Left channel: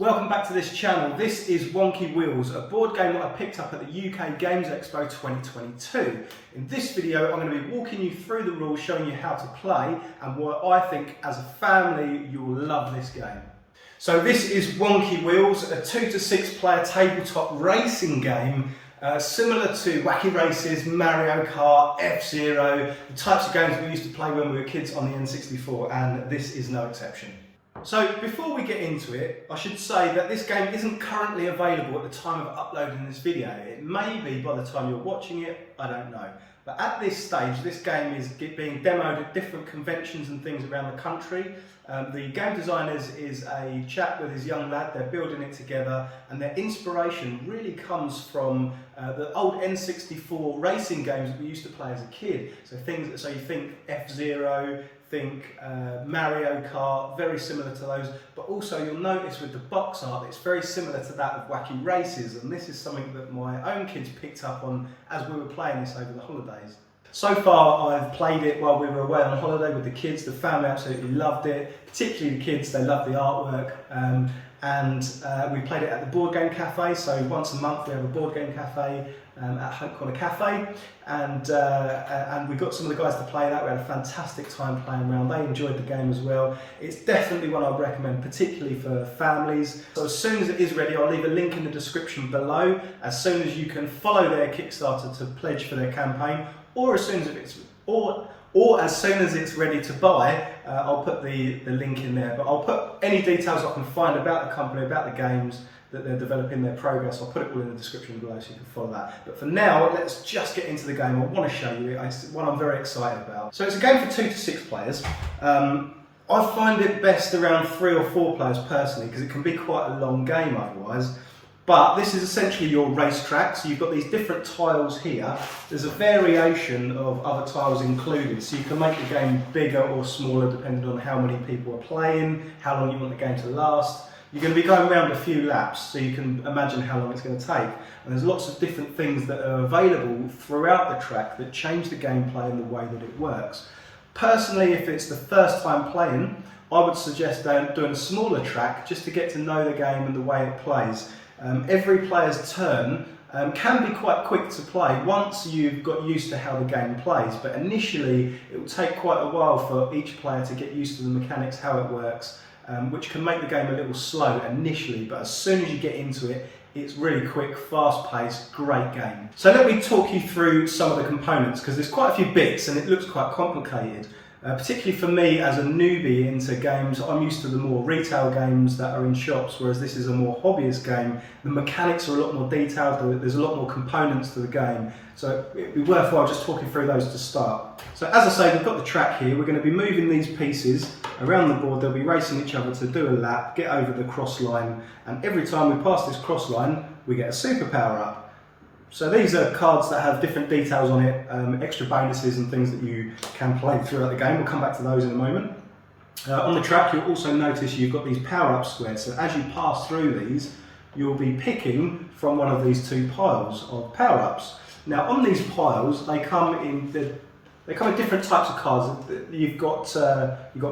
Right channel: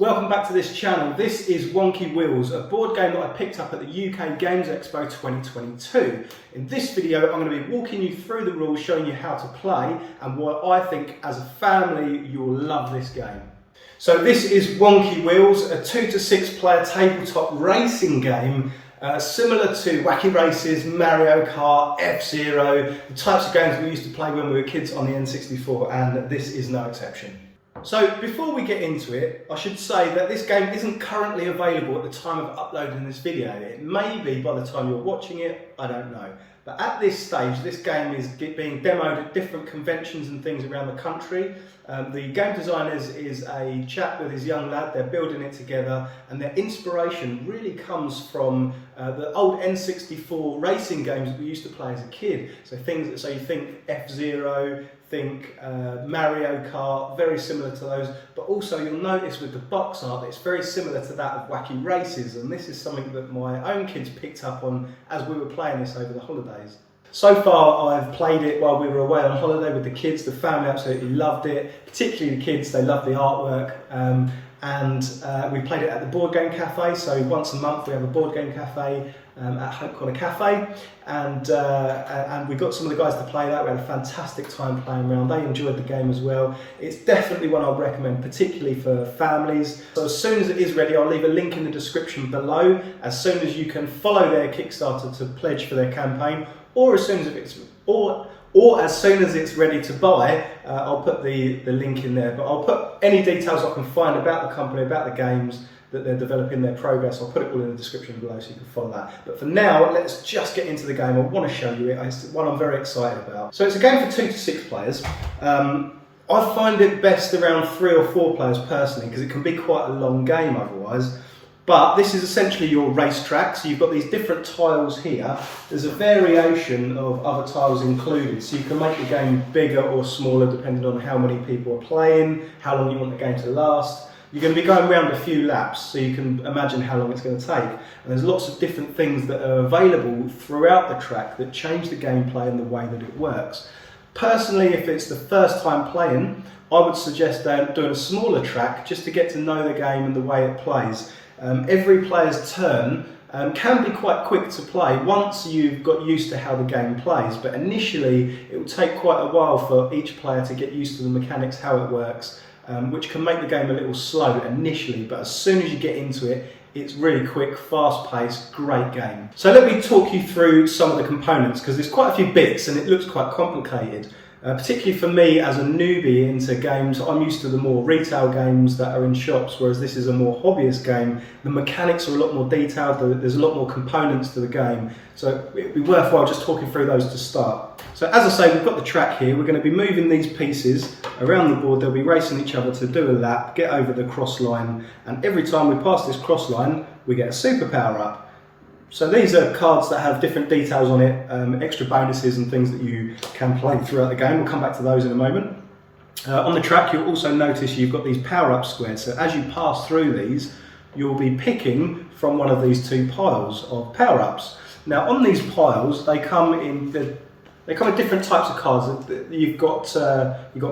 Welcome back to this channel. This is Wonky Wheels, a board game that I picked up at the UK Games Expo 2022. In this video, I'm going to be walking you through the rules, showing you how to play, and why I think as a family you will love this game. So this is Wonky Wheels, a 2 to 6 player tabletop racing game similar to Wacky Races, Mario Kart, F-Zero, the types of games we used to play when we were kids on the N64, and this is no exception. So before we get into it, I should say that this game isn't currently available at the time of uploading this video. It may be by the time you're watching it, I don't know. But at this stage, this game is being demoed at different conventions and things around the country. The game designers is a chap with his young lad. They're building it together, and their inspiration really comes from the old N64 racing games that we used to play as a kid. So you think F-Zero, think Mario Kart, very similar to those, but also you'll notice with the box art that it's very similar to that of Wacky Races, and this is something that my own kids picked up on as we were playing this over the holidays. So far I've played it while we were away on holiday with the kids. The family absolutely loved it, particularly the kids. They loved the artwork, and we played it at the Board Game Cafe. So once a month we have a Board Game Cafe at Hope Corner Cafe, and we got some of the guys to play that. We had a fantastic time playing around. They enjoyed the game as well. It's definitely one I'd recommend, particularly for families. So as soon as it is ready, I'll leave a link in the description below. As soon as you can follow their Kickstarter to pledge for their campaign, or as soon as as soon as it's ready to buy, I'll put the link in there. But I'll put any details I can find about the company, about the games that they're developing, their progress. I'll put it all in the description below so you can follow that. But for now, let's just get into the game. I want to show you it. It's one I'm very excited about. So it's a game for 2 to 6 players. I find it best around 3 or 4 players personally, because it can be quite a long game otherwise. But this is essentially your racetrack, so you've got these different tiles here. There's a variation of other tiles included, so you can make the game bigger or smaller depending on how many people are playing, how long you want the game to last. You're going to be going around a few laps, so you can imagine how long it's going to take. And there's lots of different things that are available throughout the track that change the gameplay and the way that it works. Personally, if it's the first time playing, I would suggest doing a smaller track just to get to know the game and the way it plays. Every player's turn can be quite quick to play once you've got used to how the game plays, but initially it will take quite a while for each player to get used to the mechanics, how it works, which can make the game a little slow initially, but as soon as you get into it, it's really quick, fast-paced, great game. So let me talk you through some of the components, because there's quite a few bits and it looks quite complicated. Particularly for me as a newbie into games, I'm used to the more retail games that are in shops, whereas this is a more hobbyist game. The mechanics are a lot more detailed, there's a lot more components to the game, so it'd be worthwhile just talking through those to start. So as I say, we've got the track here. We're going to be moving these pieces around the board. They'll be racing each other to do a lap, get over the cross line, and every time we pass this cross line, we get a super power up. So these are cards that have different details on it, extra bonuses and things that you can play throughout the game. We'll come back to those in a moment. On the track, you'll also notice you've got these power-up squares. So as you pass through these, you'll be picking from one of these 2 piles of power-ups. Now on these piles, they come in different types of cards. You've got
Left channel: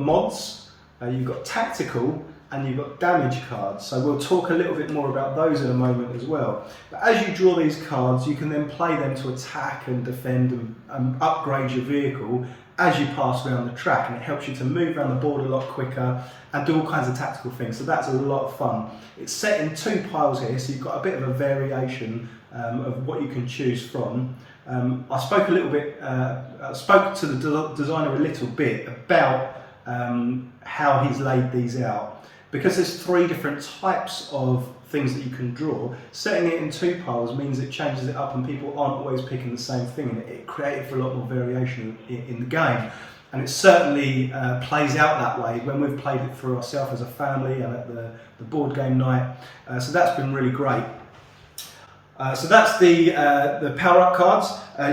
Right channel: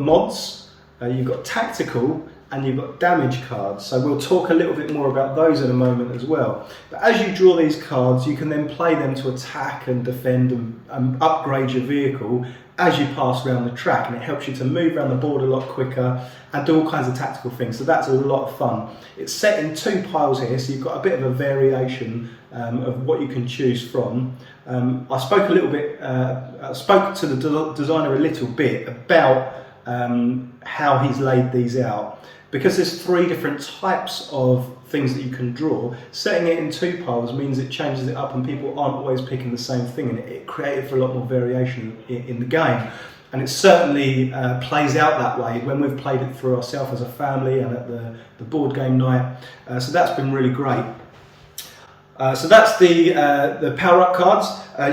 mods, you've got tactical, and you've got damage cards. So we'll talk a little bit more about those in a moment as well. But as you draw these cards, you can then play them to attack and defend and upgrade your vehicle as you pass around the track, and it helps you to move around the board a lot quicker and do all kinds of tactical things. So that's a lot of fun. It's set in 2 piles here, so you've got a bit of a variation of what you can choose from. I spoke to the designer a little bit about how he's laid these out. Because there's 3 different types of things that you can draw, setting it in 2 piles means it changes it up and people aren't always picking the same thing, and it created for a lot more variation in the game. And it certainly plays out that way when we've played it through ourselves as a family and at the board game night. So that's been really great. So that's the power-up cards.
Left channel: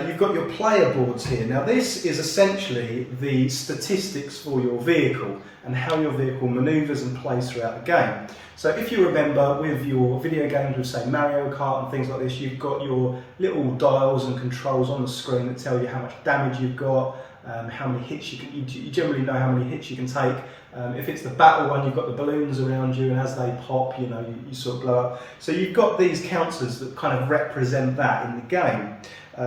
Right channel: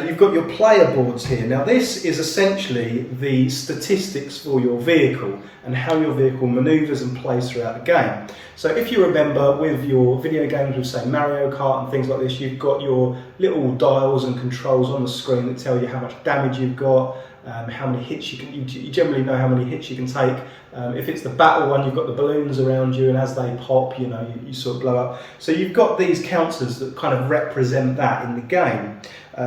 You've got your player boards here. Now this is essentially the statistics for your vehicle and how your vehicle manoeuvres and plays throughout the game. So if you remember with your video games with say Mario Kart and things like this, you've got your little dials and controls on the screen that tell you how much damage you've got, how many hits you generally know how many hits you can take. If it's the battle one, you've got the balloons around you, and as they pop, you sort of blow up. So you've got these counters that kind of represent that in the game.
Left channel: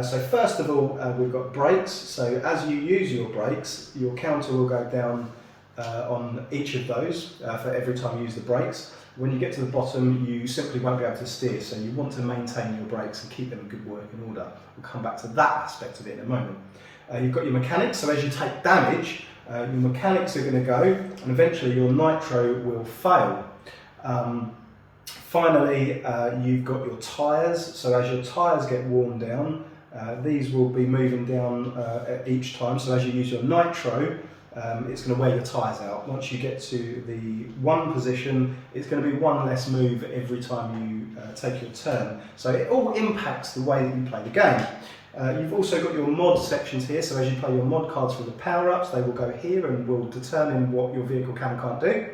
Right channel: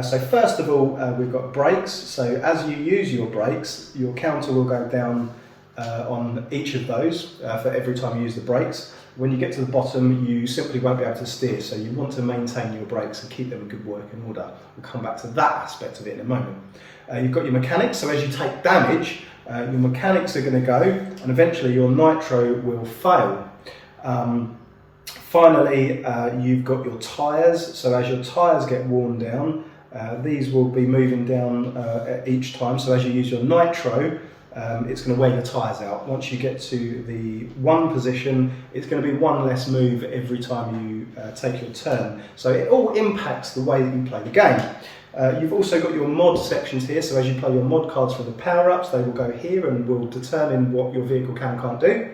So first of all, we've got brakes. So as you use your brakes, your counter will go down on each of those for every time you use the brakes. When you get to the bottom, you simply won't be able to steer, so you want to maintain your brakes and keep them in good working order. We'll come back to that aspect of it in a moment. You've got your mechanics, so as you take damage, your mechanics are going to go, and eventually your nitro will fail. Finally, you've got your tyres, so as your tyres get worn down, these will be moving down each time, so as you use your nitro, it's going to wear your tyres out. Once you get to the 1 position, it's going to be 1 less move every time you take your turn. So it all impacts the way that you play the game. You've also got your mod sections here, so as you play your mod cards for the power-ups, they will go here and will determine what your vehicle can and can't do.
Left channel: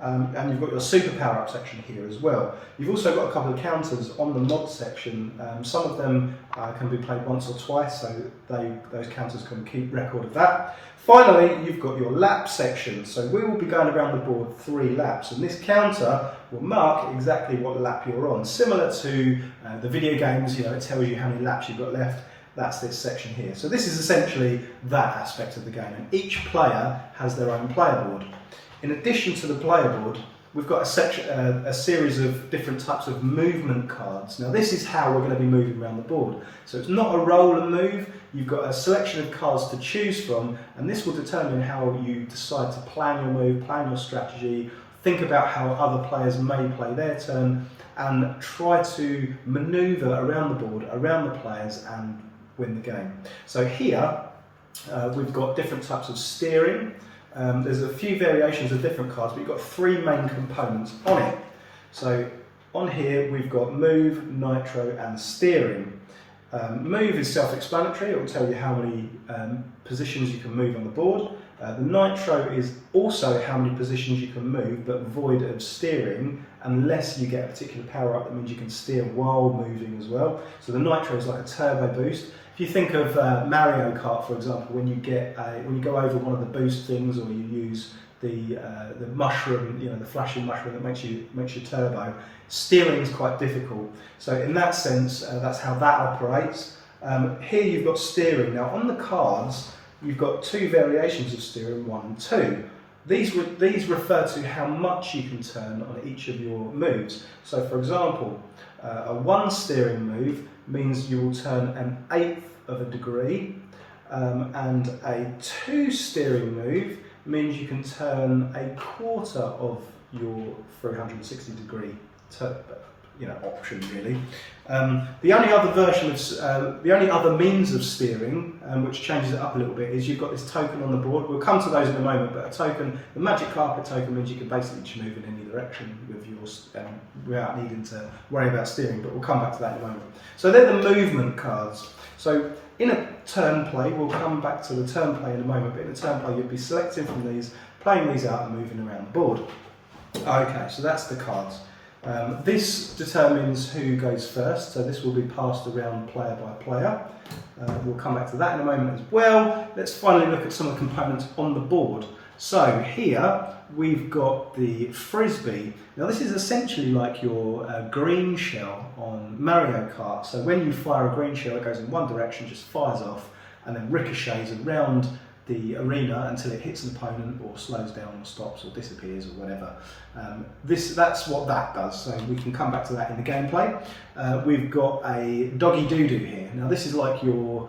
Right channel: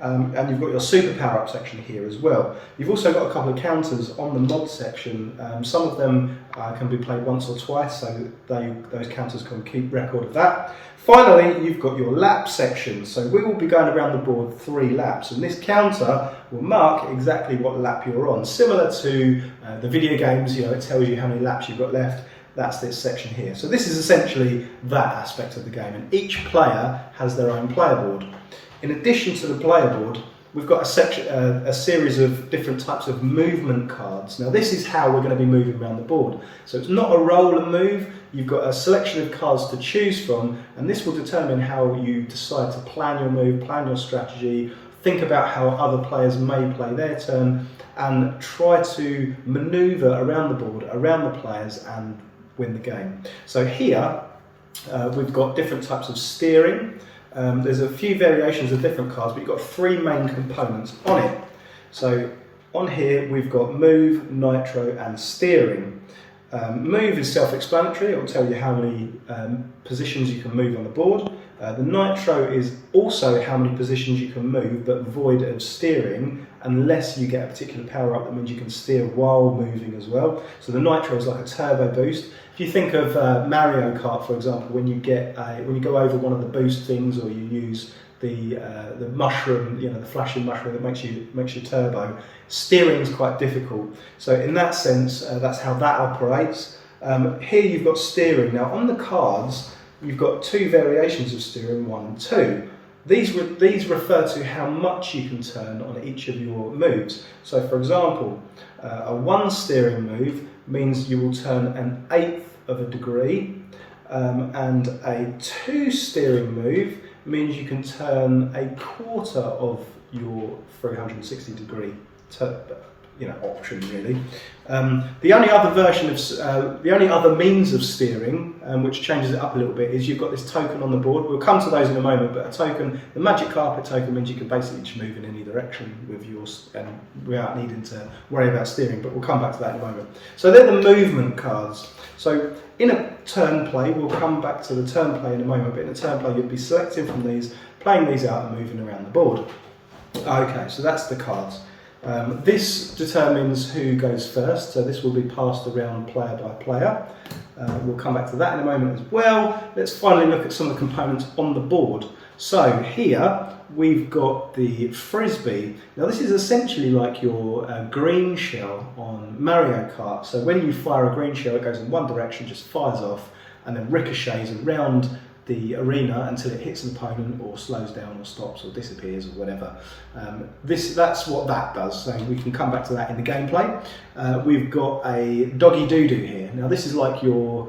And you've got your super power-up section here as well. You've also got a couple of counters on the mod section. Some of them can be played once or twice, so those counters can keep record of that. Finally, you've got your lap section. So we will be going around the board 3 laps, and this counter will mark exactly what lap you're on. Similar to the video games, it tells you how many laps you've got left. That's this section here. So this is essentially that aspect of the game, and each player has their own player board. In addition to the player board, we've got a series of different types of movement cards. Now this is how we're going to be moving around the board. So it's not a roll and move, you've got a selection of cards to choose from, and this will determine how you decide to plan your move, plan your strategy, think about how other players may play their turn, and try to manoeuvre around the board, around the players, and win the game. So here we've got different types of steering. There's a few variations of different cards, but you've got 3 main components on it. So on here we've got move, nitro and steering. Move is self-explanatory, it will tell you how many positions you can move on the board. The nitro is also how many positions you can move, but void of steering, unless you get a particular power up that means you can steer while moving as well. So the nitro is like a turbo boost. If you think of Mario Kart, for example, when you go over one of the boost things, or you use the mushroom, the flashing mushroom that makes you turbo, steering is quite difficult. So in that sense, that's how that operates. Here you've got steering. Now on the cards, you've got 2 variations of steering, 1 and 2. These refer to how much you can turn on each of your moves. So for example, a 1 steering move means you will turn 1/8 of a degree, and a 2 steering move means you can turn 1/4 of your 360 degree option really. The only other version of the only other means of steering, which changes it up a little bit, is you've got this token on the board. We'll come to those in a moment, but the magic carpet token means you can basically just move in any direction with yours and without needing to worry about steering, but we'll come back to that in a moment. So they're the movement cards. So in a turn play, we'll come back to the turn play in a moment, but in a turn play you'd be selecting from these, playing these out and moving around the board. Okay, so that's the cards. This determines who goes first, so this will be passed around player by player. We'll come back to that in a moment as well. Let's finally look at some of the components on the board. So here we've got the frisbee. Now this is essentially like your green shell on Mario Kart. So when you fire a green shell, it goes in one direction, just fires off, and then ricochets around the arena until it hits an opponent or slows down or stops or disappears or whatever. That's what that does, so we can come back to that in the gameplay. We've got a doggy doo-doo here. Now this is like your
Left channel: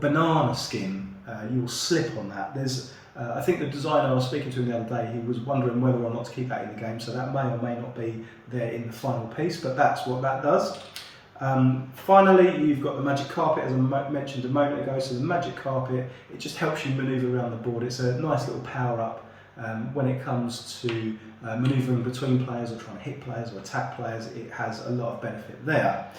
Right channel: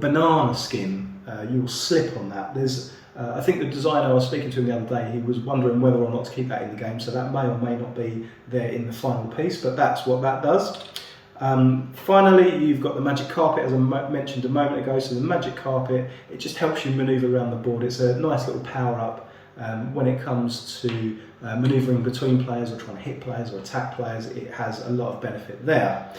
banana skin. You'll slip on that. I think the designer I was speaking to him the other day, he was wondering whether or not to keep that in the game, so that may or may not be there in the final piece, but that's what that does. Finally, you've got the magic carpet, as I mentioned a moment ago. So the magic carpet, it just helps you manoeuvre around the board. It's a nice little power-up when it comes to manoeuvring between players or trying to hit players or attack players. It has a lot of benefit there.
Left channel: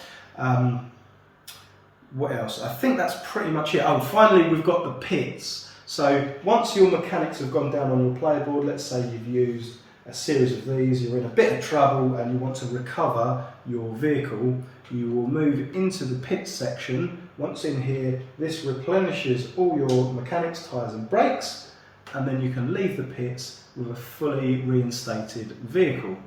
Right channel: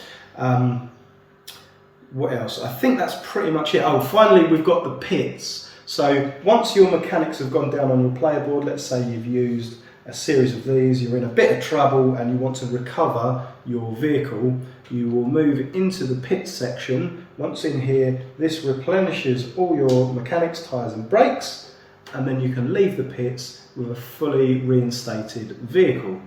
What else? I think that's pretty much it. Oh, finally, we've got the pits. So once your mechanics have gone down on your player board, let's say you've used a series of these, you're in a bit of trouble and you want to recover your vehicle, you will move into the pit section, Once in here, this replenishes all your mechanics, tyres and brakes, and then you can leave the pits with a fully reinstated vehicle.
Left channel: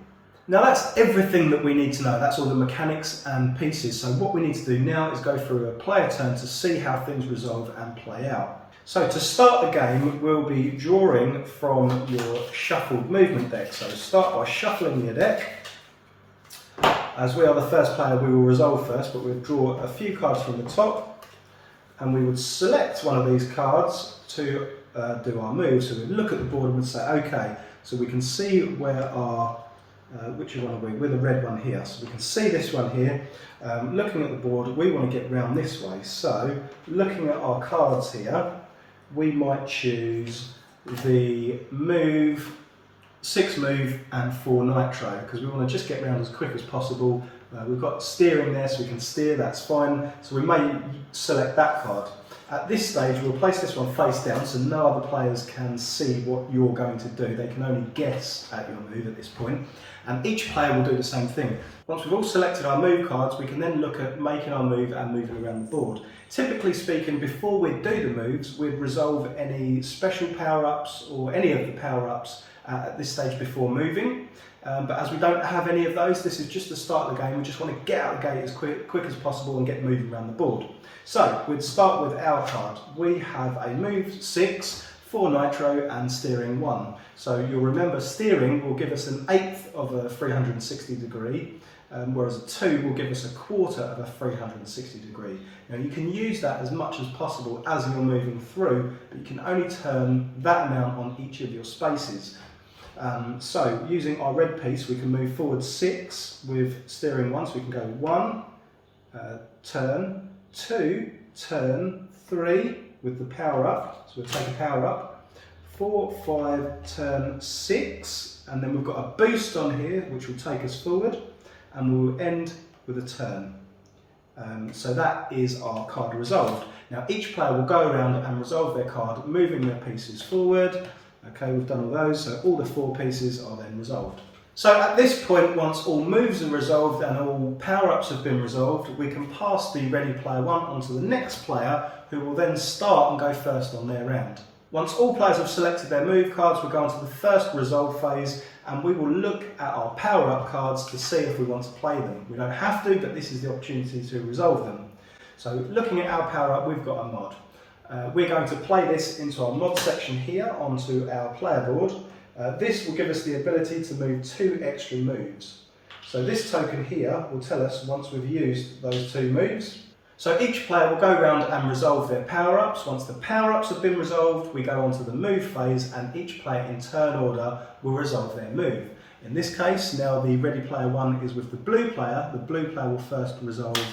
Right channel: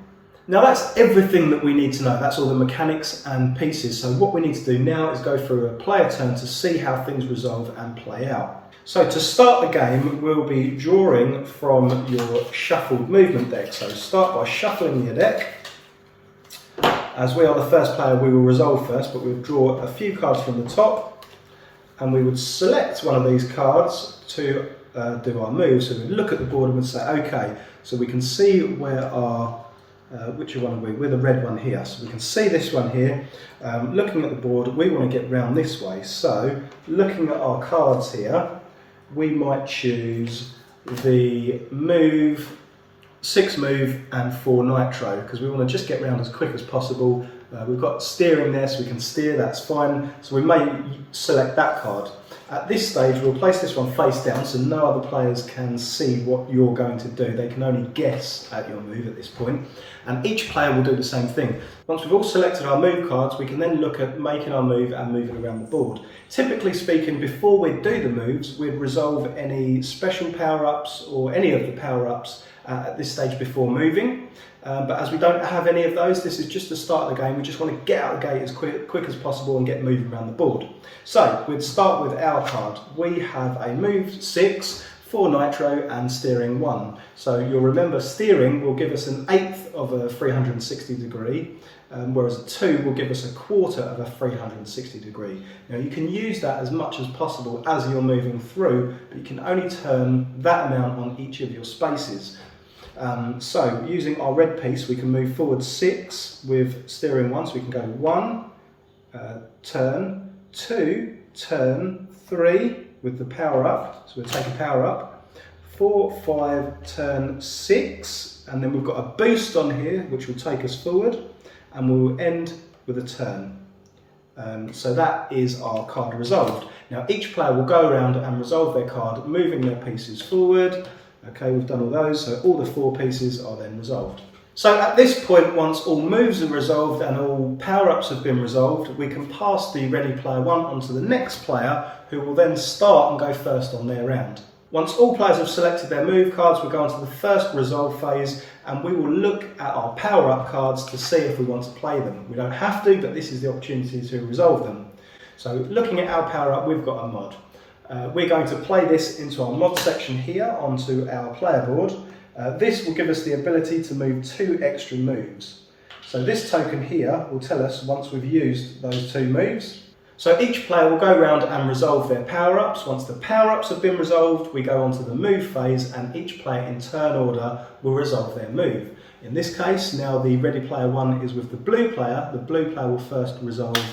Now that's everything that we need to know. That's all the mechanics and pieces. So what we need to do now is go through a player turn to see how things resolve and play out. So to start the game, we'll be drawing from your shuffled movement deck. So start by shuffling your deck. As we are the first player, we will resolve first, but we'll draw a few cards from the top, and we would select one of these cards to do our move. So we'd look at the board and we'd say, okay, so we can see where our which one are we? We're the red one here, so we can see this one here. Looking at the board, we want to get round this way. So looking at our cards here, we might choose the move, 6 move and 4 nitro, because we want to just get round as quick as possible. We've got steering there, so we can steer, that's fine. So we may select that card. At this stage, we'll place this one face down so no other players can see what you're going to do. They can only guess at your move at this point. And each player will do the same thing. Once we've all selected our move cards, we can then look at making our move and moving around the board. Typically speaking, before we do the moves, we'd resolve any special power-ups or any of the power-ups at this stage before moving. But as we don't have any of those, this is just the start of the game. We just want to get out the gate as quick as possible and get moving around the board. So we'd start with our card. We have a move 6, 4 nitro and steering 1. So you'll remember steering will give us an 1/8 of a 360 degree, whereas a 2 will give us a 1/4 of a 360 degree. Now you can use that as much as possible as you're moving through, but you can only turn that amount on each of your spaces. So using our red piece, we can move forward 6 with steering 1, so we can go 1, turn, 2, turn, 3 with the power up, so we'll take a power up, 4, 5, turn 6, and then we've got a boost on here which will take us forward, and we'll end with a turn. So that is our card resolved. Now each player will go around and resolve their card, moving their pieces forward. Okay, we've done all those, so all the 4 pieces are then resolved. So at this point, once all moves are resolved and all power-ups have been resolved, we can pass the ready player 1 onto the next player, who will then start and go first on their round. Once all players have selected their move cards, we'll go on to the first resolve phase, and we will look at our power-up cards to see if we want to play them. We don't have to, but this is the opportunity to resolve them. So looking at our power-up, we've got a mod. We're going to play this into our mod section here onto our player board. This will give us the ability to move 2 extra moves. So this token here will tell us once we've used those 2 moves. So each player will go around and resolve their power-ups. Once the power-ups have been resolved, we go on to the move phase, and each player in turn order will resolve their move. In this case, now the ready player 1 is with the blue player. The blue player will first resolve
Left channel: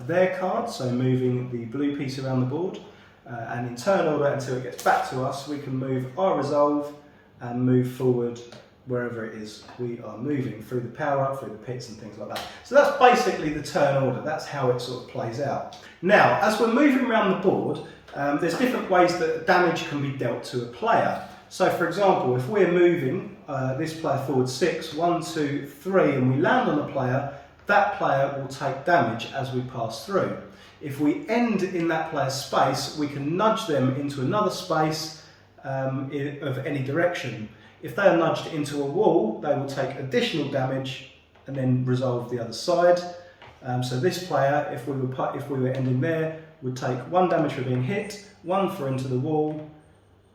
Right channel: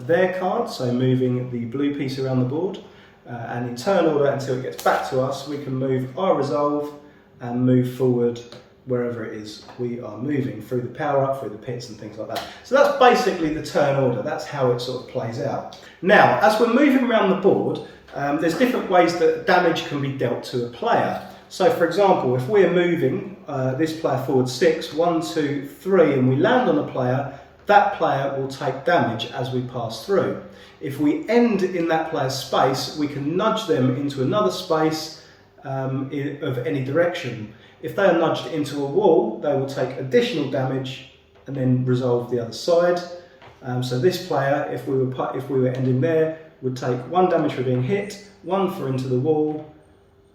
their card, so moving the blue piece around the board. And in turn order, until it gets back to us, we can move our resolve and move forward wherever it is we are moving, through the power up, through the pits and things like that. So that's basically the turn order. That's how it sort of plays out. Now, as we're moving around the board, there's different ways that damage can be dealt to a player. So for example, if we're moving this player forward 6, 1, 2, 3, and we land on a player, that player will take damage as we pass through. If we end in that player's space, we can nudge them into another space of any direction. If they are nudged into a wall, they will take additional damage and then resolve the other side. So this player, if we were ending there, would take 1 damage for being hit, 1 for into the wall,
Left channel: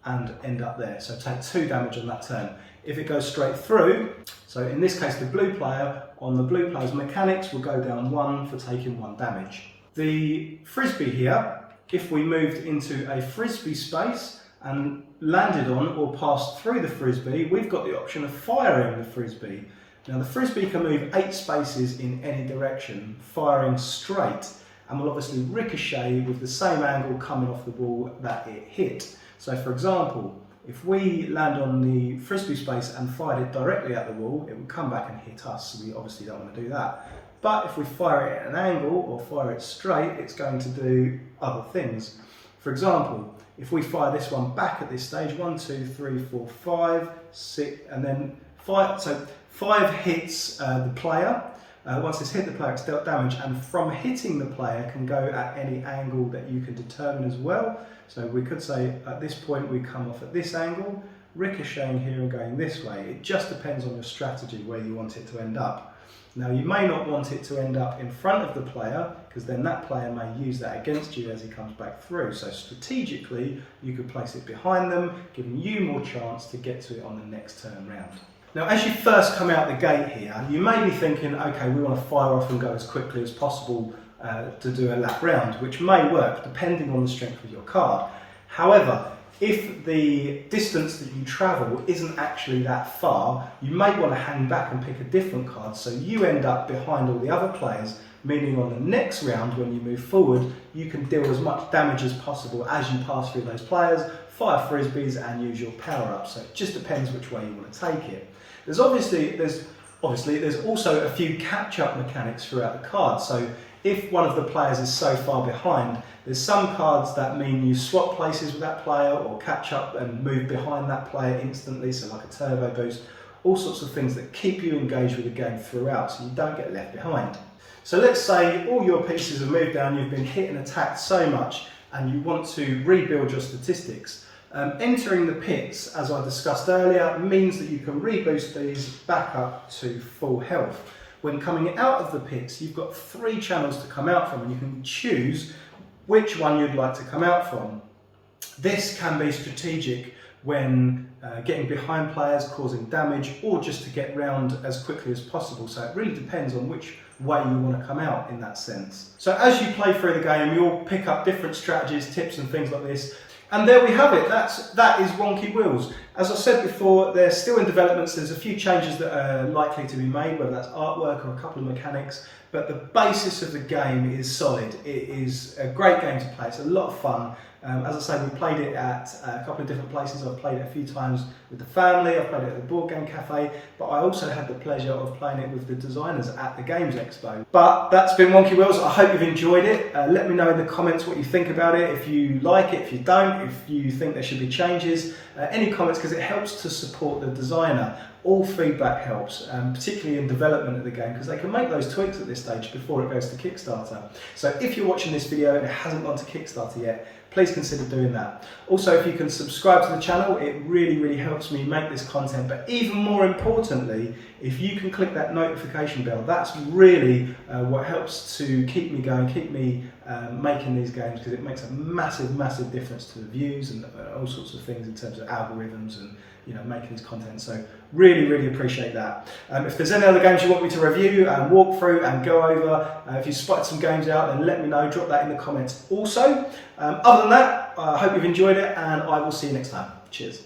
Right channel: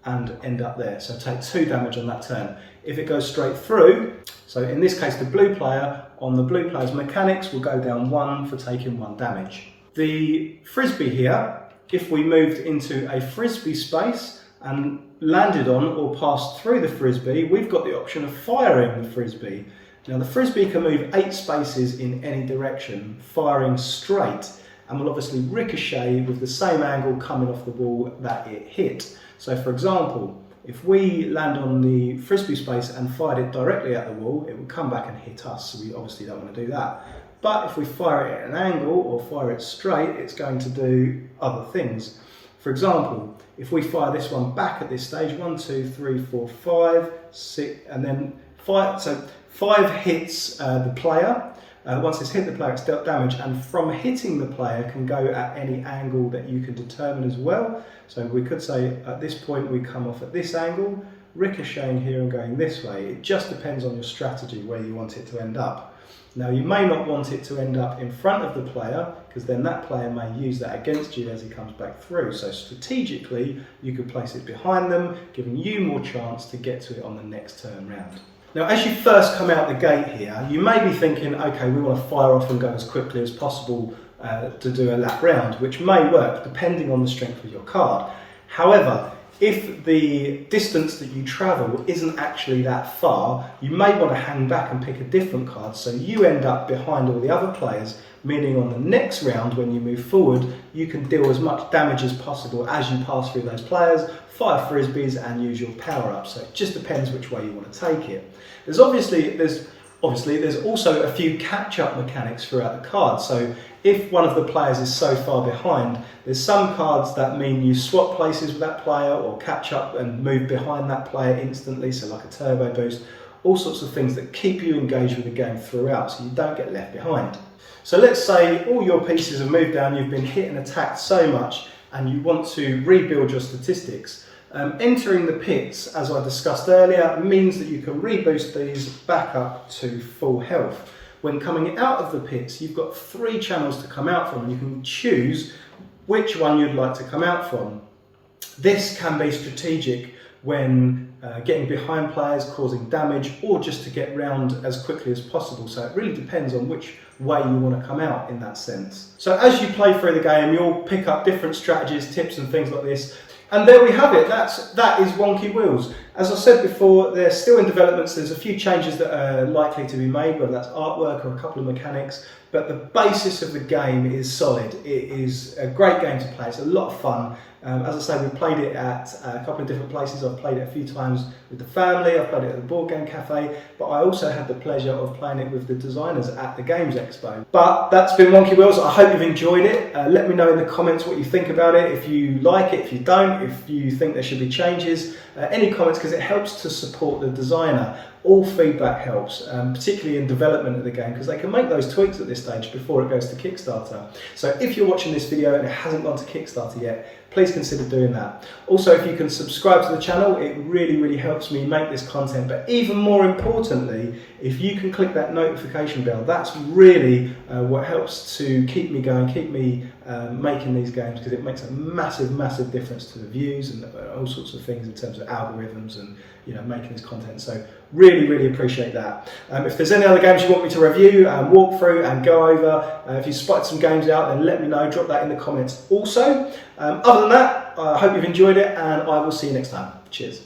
and end up there. So take 2 damage on that turn. If it goes straight through, so in this case the blue player, on the blue player's mechanics, will go down 1 for taking 1 damage. The frisbee here, if we moved into a frisbee space and landed on or passed through the frisbee, we've got the option of firing the frisbee. Now the frisbee can move 8 spaces in any direction, firing straight, and will obviously ricochet with the same angle coming off the wall that it hit. So for example, if we land on the frisbee space and fired it directly at the wall, it would come back and hit us, so we obviously don't want to do that. But if we fire it at an angle or fire it straight, it's going to do other things. For example, if we fire this one back at this stage, 1, 2, 3, 4, 5, 6, and then 5, so 5 hits the player. Once it's hit the player, it's dealt damage, and from hitting the player can go at any angle that you can determine as well. So we could say at this point we come off at this angle, ricocheting here and going this way. It just depends on your strategy where you want it to end up. Now you may not want it to end up in front of the player, because then that player may use that against you as he comes back through. So strategically you could place it behind them, giving you more chance to get to it on the next turn round. Now as you first come out the gate here, you may be thinking, okay, we want to fire off and go as quickly as possible to do a lap round, which may work depending on the strength of your card. However, if the distance that you travel isn't actually that far, you may want to hang back and pick a different card so you end up behind all the other players, meaning on the next round when you move forward, you can deal as much damage as possible as you pass through those players, fire frisbees and use your power-ups. So it just depends which way you want to take it. There's also a few catch-up mechanics throughout the card. So if one of the players is so far behind, there's some cards that mean you swap places with that player or catch up and move behind that player instantly, so like a turbo boost, all sorts of things that keep you engaged with the game throughout so you don't get left behind. So let's say all your pieces have moved down, you've been hit and attacked so much and you want to rebuild your statistics. Entering the pits, as I discussed earlier, means that you can reboost these back up to full health. When coming out of the pits, you've got 3 channels to come out from and you can choose which one you'd like to come out from. This can be strategic when getting behind players, causing damage, or just to get round as quickly as possible. So it really depends on which way you want to come out in that sense. So as you play through the game, you'll pick up different strategies, tips and things like this. And there we have it, that is Wonky Wheels. As I said before, they're still in development, so there's a few changes that are likely to be made, whether that's artwork or a couple of mechanics, but the basis of the game is solid. It is a great game to play, it's a lot of fun. As I say, we played it at a couple of different places. I've played it a few times with the family, I've played it at the Board Game Cafe, but I also had the pleasure of playing it with the designers at the Games Expo. But that's been Wonky Wheels. I hope you've enjoyed it. Let me know in the comments what you think about it, if you like it, if you don't, if you think there should be changes. Any comments, because it helps to support the designer. All feedback helps, particularly in development of the game, because they can make those tweaks at this stage before it goes to Kickstarter. So if you're watching this video and it hasn't gone to Kickstarter yet, please consider doing that. Also, if you can subscribe to the channel, it really helps me make this content. But even more importantly, if you can click that notification bell, that's really what helps to keep me going, keep me making these games, because it makes a massive difference to the views and all sorts of things in terms of algorithms and making this content. So really appreciate that. If there's any other games you want me to review and walk through and go over, if you spotted some games out, then let me know, drop that in the comments also. Other than that, I hope you've enjoyed it and I will see you next time. Cheers.